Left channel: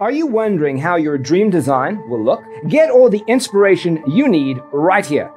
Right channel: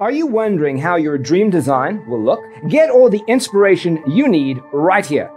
Are you wondering how your dream design will look? Get all the inspiration you need right here.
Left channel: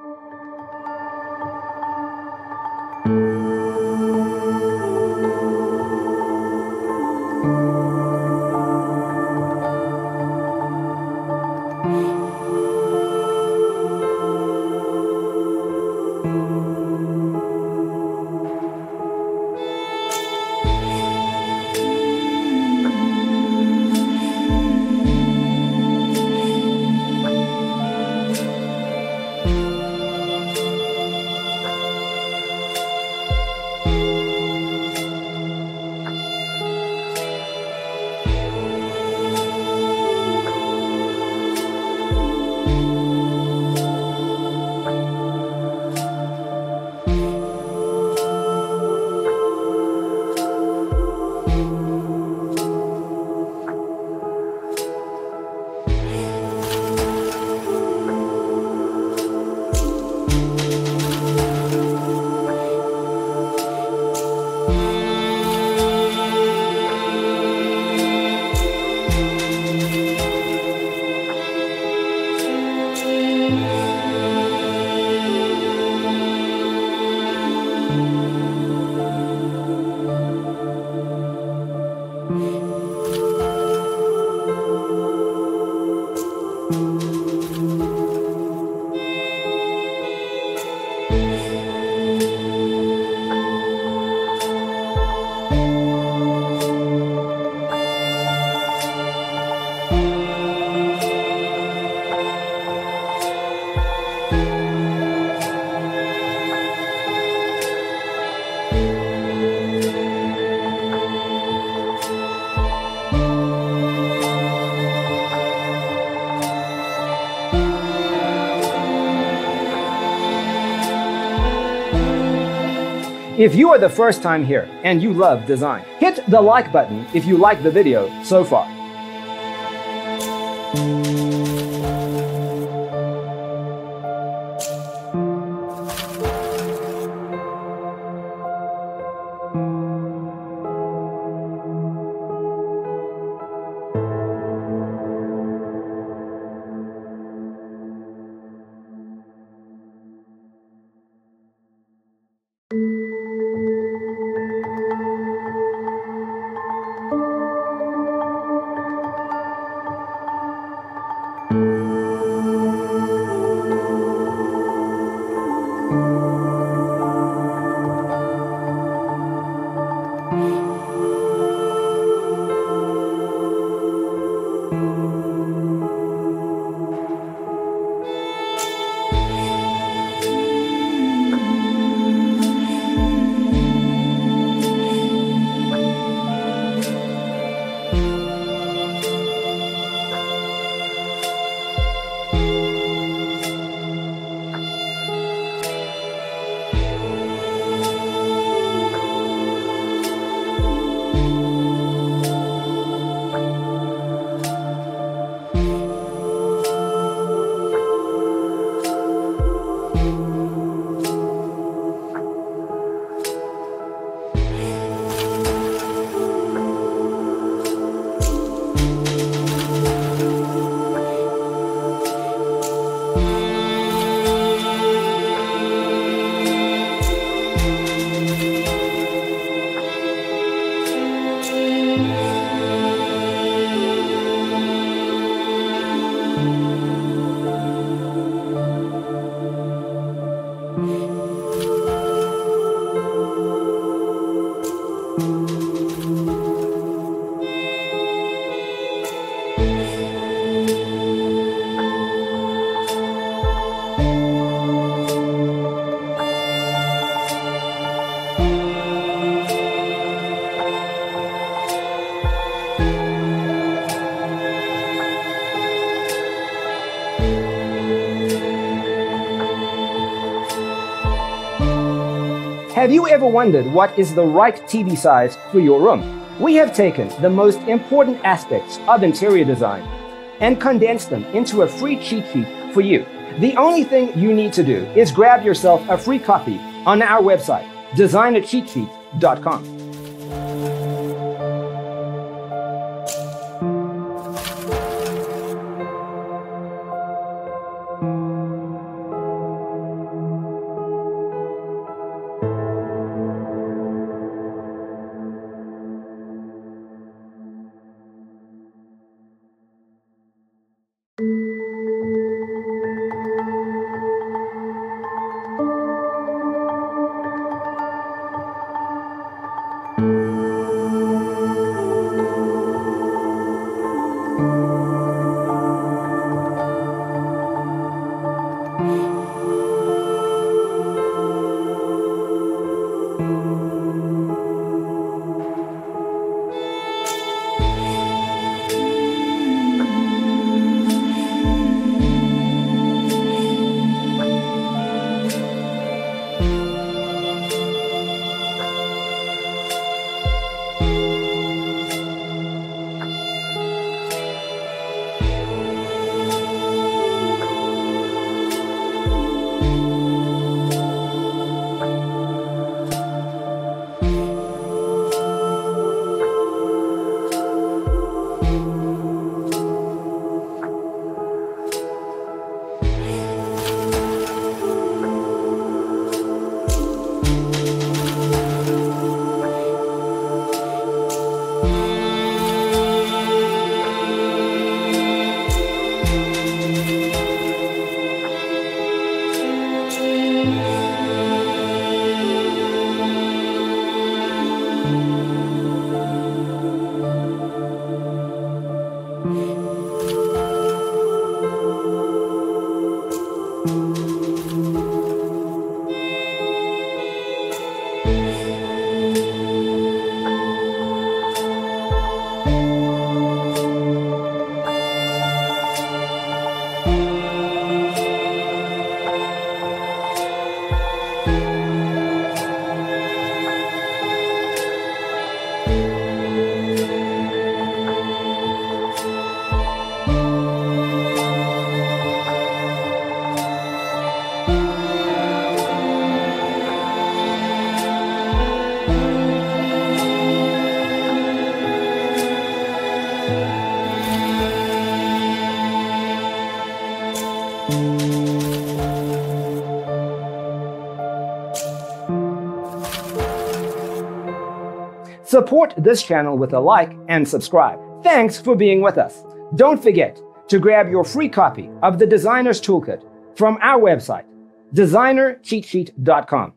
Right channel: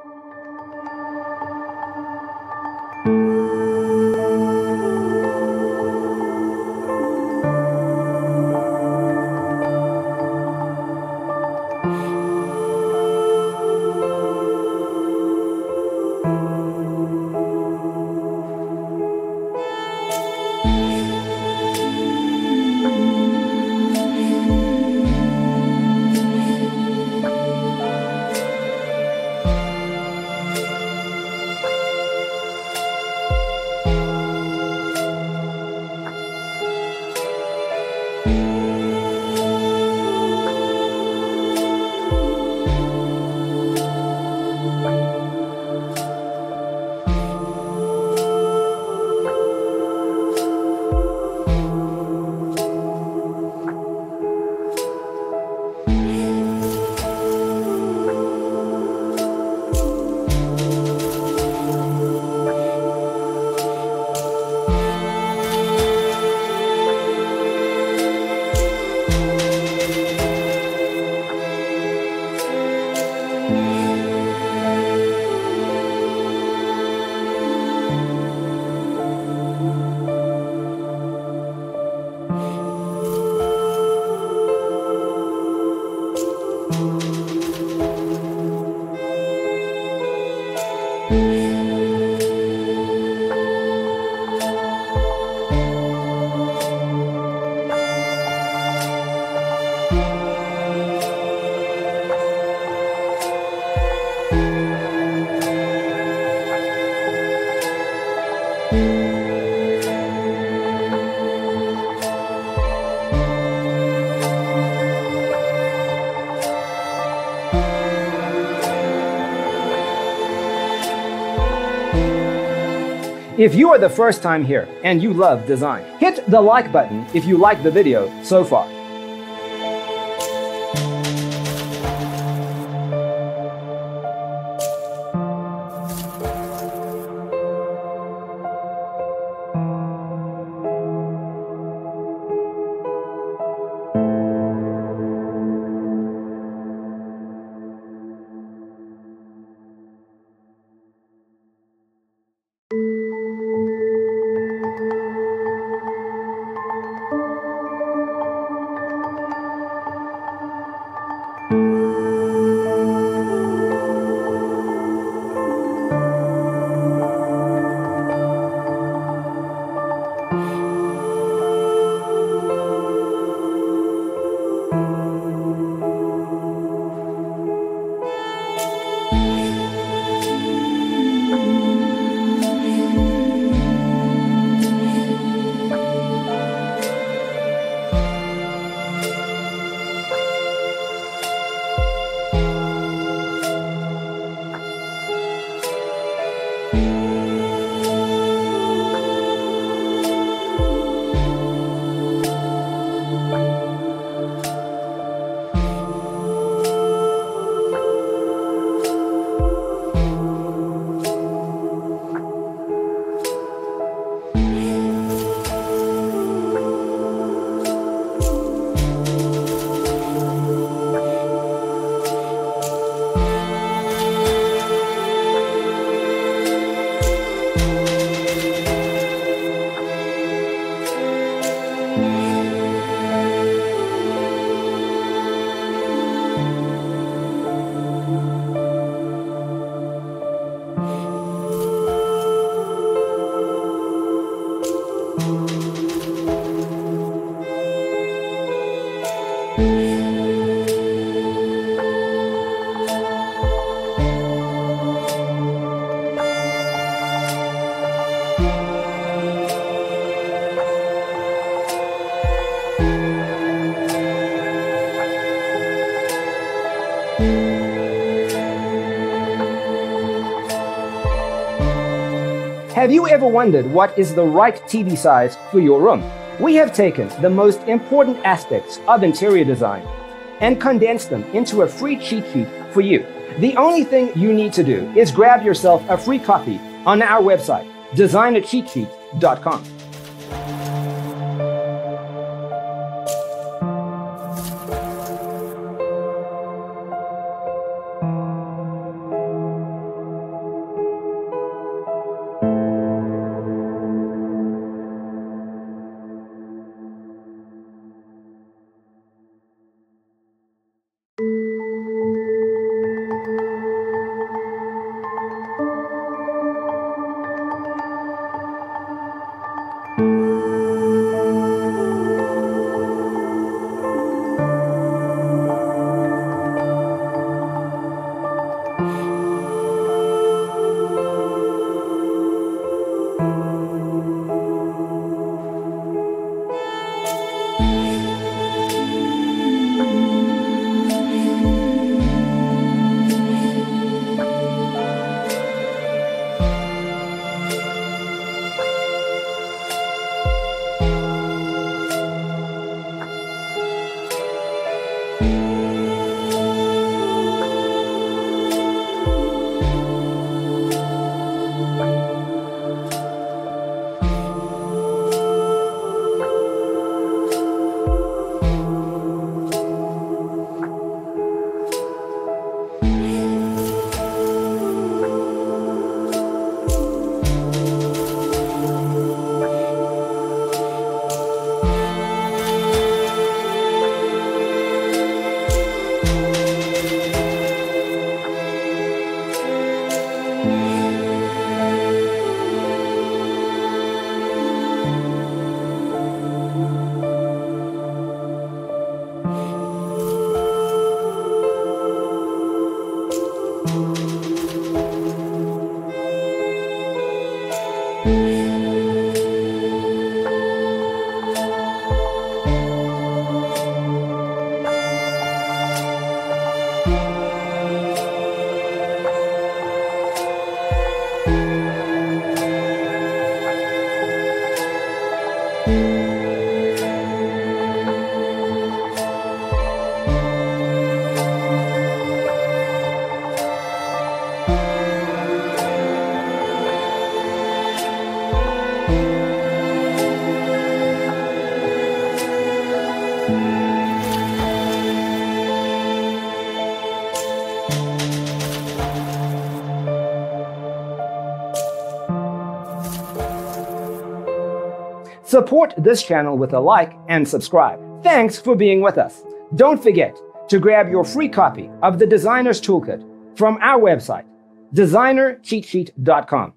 If you are the first time here and you love design, hit the like button if you like the video so far. Have you ever wondered what is the right TV size for your room? We have taken the most important aspects of interior design and condensed them into a free cheat sheet for you. The only thing you need to do is grab yourself a free copy on our website, designercheatsheet.com. Support this channel with a like and subscribe. Thanks for being with us. Don't forget to grab your free copy of the Designer's Toolkit from our website, designercheatsheet.com.